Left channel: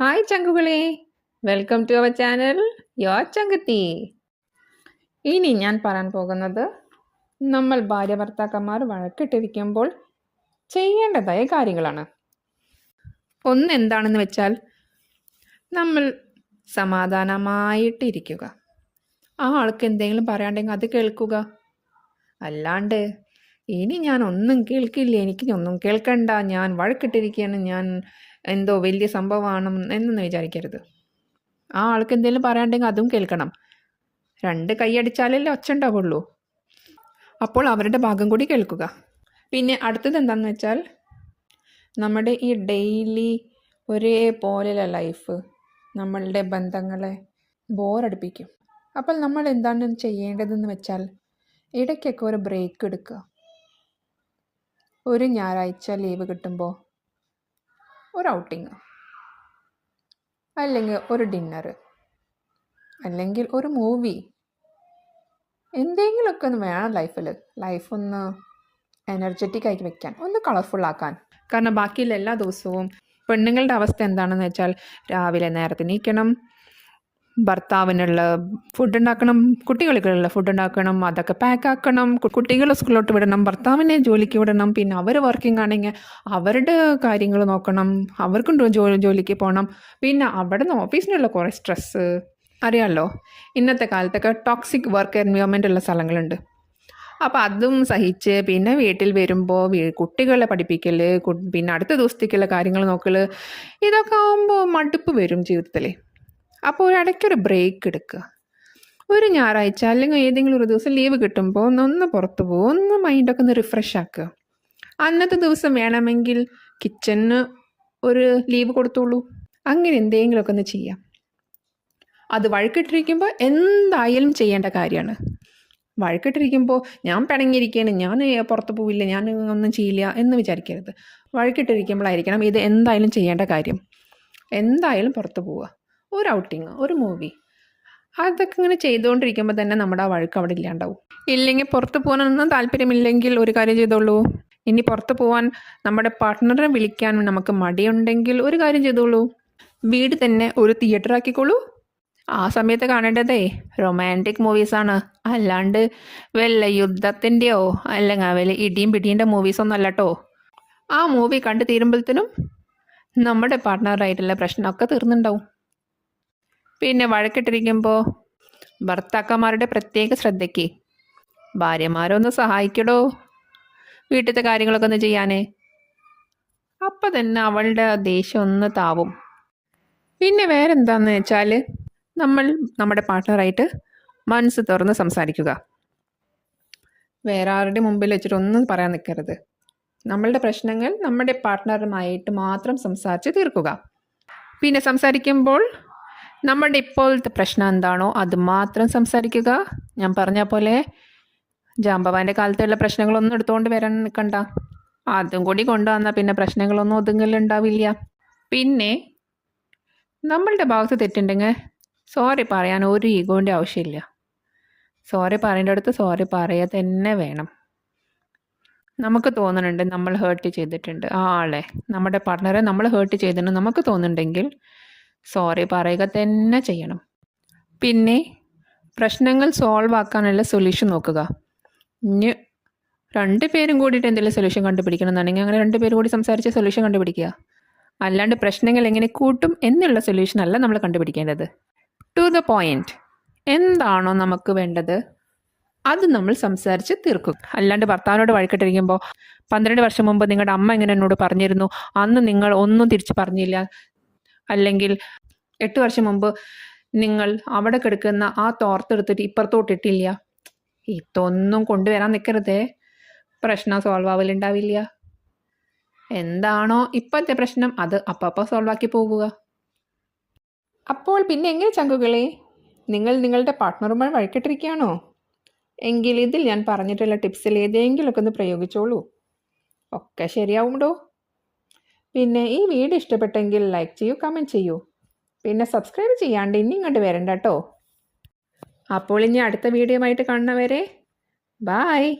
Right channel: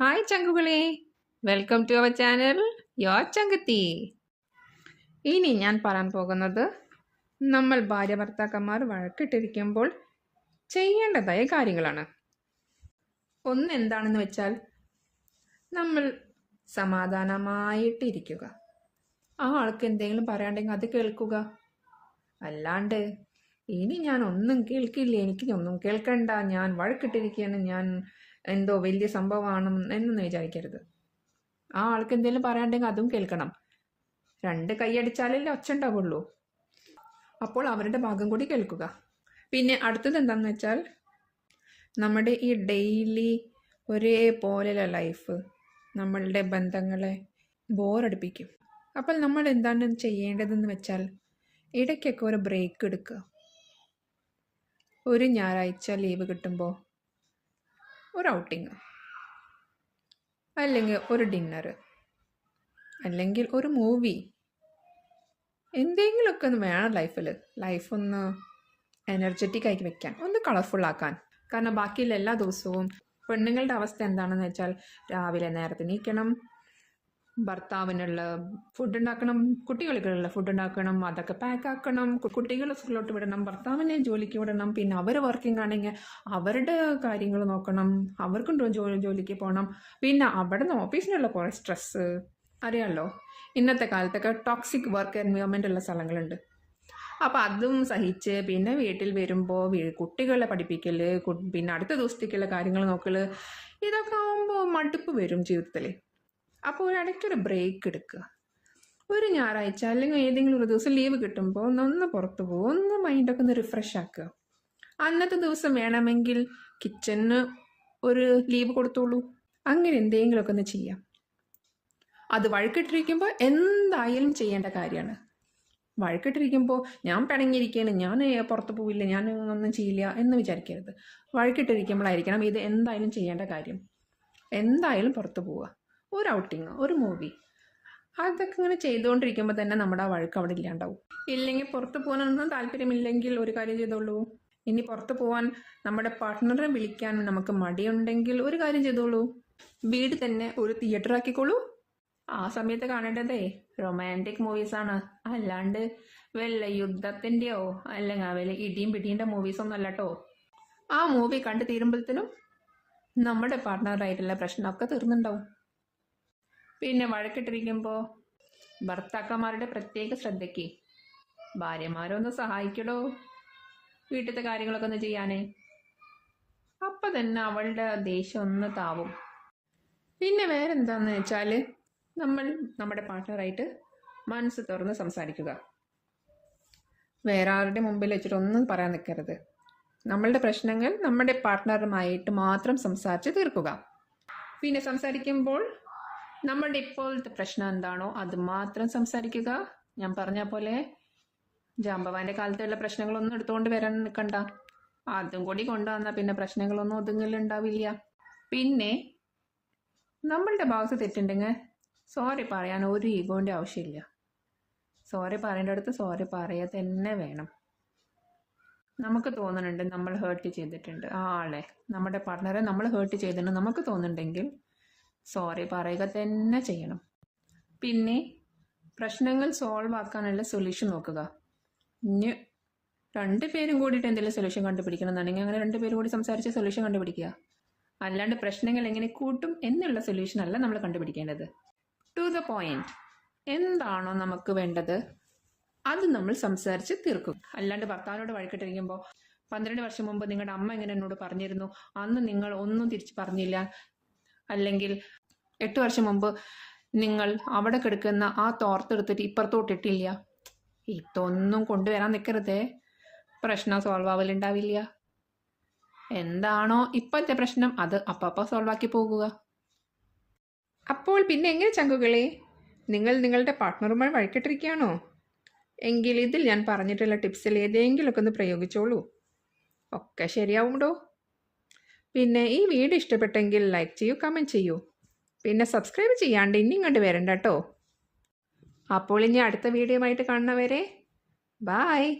Hi ചങ്കുകളെ welcome to our channel yo ചങ്കത്തി ഇനി ഞാൻ പറയാൻ പോകുന്നത് നമ്മൾ ഭാര്യ ഭർത്താക്കന്മാർ വഴക്കിട്ടിരിക്കുമ്പോൾ ചെയ്യേണ്ടതായ കാര്യങ്ങളാണ്. ഒന്ന് എന്താണെന്ന് വെച്ചാൽ നമ്മൾ സമാധാനമായിട്ടിരിക്കുക. ആ ആൾക്ക് എന്തെങ്കിലും പറയാണ്ടെങ്കിൽ അത് കേൾക്കുക. അല്ലാണ്ട് ഇനി ഞാൻ ഒന്നും കേൾക്കില്ല. എനിക്ക് ഒന്നും കേൾക്കണ്ട. ഞാൻ വഴക്കിട്ടിരിക്കുകയാണ് ഞാൻ എന്തോ വലിയ സംഭവമാണ് എന്നൊന്നും വിചാരിക്കരുത്. ആ ആൾക്ക് എന്തെങ്കിലും പറയാണ്ടെങ്കിൽ അതും കേൾക്കണം. രണ്ട് കൈയടിച്ചാലല്ലേ ഒച്ച ഉണ്ടാവുള്ളൂ. അപ്പോൾ അവരുടെ ഭാഗം കൂടി കേൾക്കുക. പിന്നെ അടുത്തത് എന്താണെന്ന് വെച്ചാൽ നമ്മുടെ ഈ ഡെയിലി ഒരേപോലെയുള്ള ലൈഫ് നമ്മളുടെ ബന്ധങ്ങളെ ബോറടിപ്പിക്കും. അപ്പോൾ നമ്മൾ എന്താണ് ചെയ്യേണ്ടതെന്ന് വെച്ചാൽ ഇടയ്ക്കൊക്കെ ഒരു ബ്രേക്ക് എടുക്കുക. ഒരു ഞായറാഴ്ച ലീവ് കിട്ടുമ്പോൾ ഒരു ഔട്ടിങ്. അല്ലെങ്കിൽ ഒരു ഡിന്നർ അല്ലെങ്കിൽ ഒരു മൂവി. എന്തെങ്കിലുമൊക്കെ ഒന്ന് വേണം ലൈഫിൽ ലൈഫ് ഒന്ന് എനർജറ്റിക് ആക്കി വെക്കാൻ. ഒന്ന് കളർഫുൾ ആക്കാൻ. കാരണം ബാക്കിയുള്ള എല്ലാ ദിവസവും പെണ്ണുങ്ങളുടെ അവസ്ഥ എന്താണെന്ന് വെച്ചാൽ രാവിലെ നേരത്തെ നീക്കണം ഭർത്താവിനുള്ള ഫുഡ് ഉണ്ടാക്കണം കുട്ടികൾക്കുള്ള ഫുഡ് ഉണ്ടാക്കണം അതൊക്കെ പാക്ക് ആക്കണം കുട്ടികളെ സ്കൂളിലോട്ട് വിടണം ഭർത്താവിനെ ജോലിക്ക് വിടണം പിന്നെ അവർ വർക്കിംഗ് ആണെങ്കിൽ അവരുടെ കാര്യങ്ങൾ നോക്കണം അവർക്കും ജോലി ജോലിക്ക് പോകണം പിന്നെ അവിടെ നിന്ന് ഓഫീസിനുള്ള കുറേ സ്ട്രെസ്സ് അറിയാമല്ലോ ഇന്നത്തെ കാലത്തൊക്കെ ടോക്സിക് വർക്ക് എൻവയോൺമെന്റ് ഉള്ള സ്ഥലങ്ങളുണ്ട്. അപ്പോൾ അതും സഹിച്ച് പിന്നെ വീട്ടിൽ വരുമ്പോൾ കുട്ടികളെ പഠിപ്പിക്കൽ പിന്നെ അടുത്ത ദിവസത്തേക്കുള്ള കാര്യങ്ങൾ നോക്കൽ ഇതൊക്കെ ആകുമ്പോൾ മടുപ്പ് വരും ജീവിതത്തിൽ അപ്പോൾ ഒരു ഇടയ്ക്കൊരു ബ്രേക്ക് എടുക്കുക. ഒരു ഞായറാഴ്ച അല്ലെങ്കിൽ ഏതെങ്കിലും ഒരു ദിവസം ലീവ് കിട്ടുമ്പോൾ ഒന്ന് പുറത്ത് പോകും ഒന്ന് മൈൻഡൊക്കെ ഒന്ന് റിഫ്രഷ് ആക്കുക. അന്നത്തെ ദിവസം വേണമെങ്കിൽ കിച്ചണിന് ഒരു ലീവ് കൊടുത്തോളൂ. അങ്ങനെ എന്തെങ്കിലുമൊക്കെ ഒന്ന് ചെയ്യാം. അത് വഴക്കിട്ടിരിക്കുമ്പോൾ എന്തായാലും ചെയ്യേണ്ട കാര്യമാണ്. വഴക്കിട്ടിരിക്കുമ്പോൾ ഞാൻ പിണങ്ങിയിരിക്കുകയാണ് ഞാൻ പുറത്ത് പോവില്ല ഞാൻ ഒന്നും ചെയ്യില്ല എന്ന് വിചാരിക്കരുത്. വഴക്കിട്ടിരിക്കുമ്പോഴായിരിക്കണം ഇത് എന്തായാലും ചെയ്യേണ്ട കാര്യം. എന്തായാലും പുറത്ത് പോവുക. ഒരു ഔട്ടിങ് ഒരു മൂവി. അതൊക്കെ ഇങ്ങനെ ചെയ്തുകൊണ്ടിരിക്കുമ്പോൾ തന്നെ നമ്മുടെ ആ വഴക്ക് അവിടെ ഇല്ലാണ്ടാവും. ഇല്ലെങ്കിൽ പുറത്ത് പോകാനൊന്നും താല്പര്യമില്ലെങ്കിൽ ഒരു കാര്യം ചെയ്തോളൂ. ഇനി പുറത്ത് പോകാൻ നമ്മുടെ പാർട്ട്ണറെ വിളിക്കാൻ നമുക്ക് മടിയുണ്ടെങ്കിൽ ഒരു കാര്യം ചെയ്തോളൂ. വീട് തന്നെ ഒരു തിയേറ്റർ ആക്കിക്കോളൂ. ആ സമയത്ത് കാണേണ്ടതേ റൊമാന്റിക് മൂവീസാണ് അല്ലാണ്ട് വല്ല യുദ്ധത്തിന്റെയോ അല്ലെങ്കിൽ വല്ല ഇടിയും പിടിയുടെ മൂവീസൊന്നും അല്ല കേട്ടോ ആ മൂവി കണ്ടു തീരുമ്പോഴത്തേനും നമ്മുടെ പാർട്ട്ണറായിട്ടുള്ള പ്രശ്നമൊക്കെ തീർന്നുണ്ടാവും. പിന്നെ വഴക്കിട്ടിരിക്കുമ്പോൾ ഭർത്താക്കന്മാരുടെ പ്രത്യേക ശ്രദ്ധയ്ക്ക് ഭാര്യമാരൊന്ന് സഹായിക്കടോ. വീട്ടിലത്തെ കാര്യങ്ങളൊക്കെ ഒന്ന് ചെയ്യാനേ. അപ്പം തന്നെ അവളുടെ ദേഷ്യം ഒന്ന് താവും. പിന്നെ വേറെന്താന്ന് വെച്ചാൽ നമ്മൾ നമ്മുടെ പാർട്ട്ണറായിട്ട് മനസ്സ് തുറന്ന് സംസാരിക്കുക. വേറെ ആരുടെ മുമ്പിൽ വെച്ചിട്ട് ഒന്നും പറയാൻ നിൽക്കരുത് നമ്മളുടെ പ്രശ്നങ്ങൾ നമ്മുടെ പാർട്ട്ണറുമായിട്ട് മാത്രം സംസാരിച്ച് തീർക്കുക. പിന്നെ സംസാരിക്കുമ്പോൾ നമ്മുടെ ഇപ്പോഴത്തെ പ്രശ്നം എന്താണോ അത് മാത്രം സംസാരിക്കുക. ഞാൻ പറഞ്ഞ പോലെ ജാമ്പവാന്റെ കാലത്തുള്ള പ്രശ്നങ്ങളൊന്നും എടുത്തുകൊണ്ട് വരാൻ നിൽക്കണ്ട അതും കൂടി കൊണ്ടുവന്നാൽ പിന്നെ പ്രശ്നങ്ങളൊന്നും ഒതുങ്ങലുണ്ടാവില്ല പിന്നെ നമ്മളുടെ ഭാഗത്ത് തെറ്റുണ്ടെങ്കിൽ സോറി പറയാൻ ഒരു ഈഗോന്റെ ആവശ്യമില്ല. സോറി പറയേണ്ട അടുത്ത് സോറി പറയുക തന്നെ വേണം. നമുക്ക് തോന്നുന്നുണ്ട് നമ്മൾ ഹേർട്ട് ചെയ്തിട്ടുണ്ട്. ആ ആളെ നമ്മുടെ പാർട്ട്ണറെ നമ്മൾ ഹേർട്ട് ചെയ്തിട്ടുണ്ട്. നമുക്ക് തോന്നുന്നുണ്ടെങ്കിൽ സോറി പറയുക തന്നെ ചെയ്യണം. പിന്നെ പ്രശ്നങ്ങൾ സോൾവ് ആക്കാനുള്ള സൊല്യൂഷൻ നോക്കുക. ഇനി രണ്ട് പേരും കൂടിയിട്ട് എന്തെങ്കിലും സൊല്യൂഷൻ കണ്ടുപിടിക്കണം എന്നുണ്ടെങ്കിൽ അങ്ങനെ രണ്ട് പേരും കൂടി സംസാരിച്ച് സൊല്യൂഷൻ കണ്ടുപിടിക്കുക. അല്ലാണ്ട് പ്രശ്നങ്ങൾ എങ്ങനെ കൂട്ടും എന്നുള്ള സൊല്യൂഷൻ അല്ല നമ്മൾ കണ്ടുപിടിക്കേണ്ടത്. ടു ദ പോയിന്റ് എന്താണോ നമുക്ക് വേണ്ടത്? അത് നമ്മൾ സംസാരിച്ച് തീർക്കും. അല്ലാണ്ട് ഭർത്താവിനോട് വഴക്കിട്ടിരിക്കുമ്പോൾ പന്ത്രണ്ട് വർഷം മുമ്പ് നിങ്ങളുടെ അമ്മ ഇങ്ങനെ എന്നോട് പറഞ്ഞിരുന്നു. അന്ന് നിങ്ങൾ ഒന്നും തിരിച്ച് പറഞ്ഞില്ല. അല്ലെങ്കിൽ എട്ട് വർഷം മുമ്പ് നിങ്ങൾ അവിടെ കിടക്കുന്ന ആ തോർത്തെടുത്തിട്ട് ഇപ്പുറത്തോട്ടിട്ടില്ല ഇതൊന്നും കൊണ്ടുവരാൻ നിൽക്കരുതേ പ്രശ്നം സോൾവ് ആവലുണ്ടാവില്ല. എന്താണോ ഇപ്പോഴത്തെ പ്രശ്നം അത് അപ്പപ്പോൾ സോൾവ് ആക്കി പോകുക. അപ്പോൾ പിന്നെ എങ്ങനെ ചങ്കുകളെ? നിങ്ങൾ നിങ്ങളുടെ പാർട്ട്ണറുമായി വഴിക്കിട്ടിരിക്കുകയാണോ? എങ്കിൽ ഇതിൽ ഞാൻ പറഞ്ഞിട്ടുള്ള ടിപ്സിൽ ഏതെങ്കിലുമൊക്കെ ഒന്ന് പ്രയോഗിച്ചോളൂ. ഒക്കെ ശരിയാവുണ്ടോ പിന്നെ ഈ വീഡിയോ ഇഷ്ടപ്പെട്ടെങ്കിൽ ലൈക്ക് ചെയ്യൂ കമന്റ് ചെയ്യൂ. പിന്നെ സബ്സ്ക്രൈബ് ചെയ്യാണ്ട് ഇനി ഇങ്ങോട്ട് വരണ്ട കേട്ടോ അപ്പോൾ ഇനി അടുത്ത വീഡിയോ ആയിട്ട് കാണുന്നവരെ ബായ്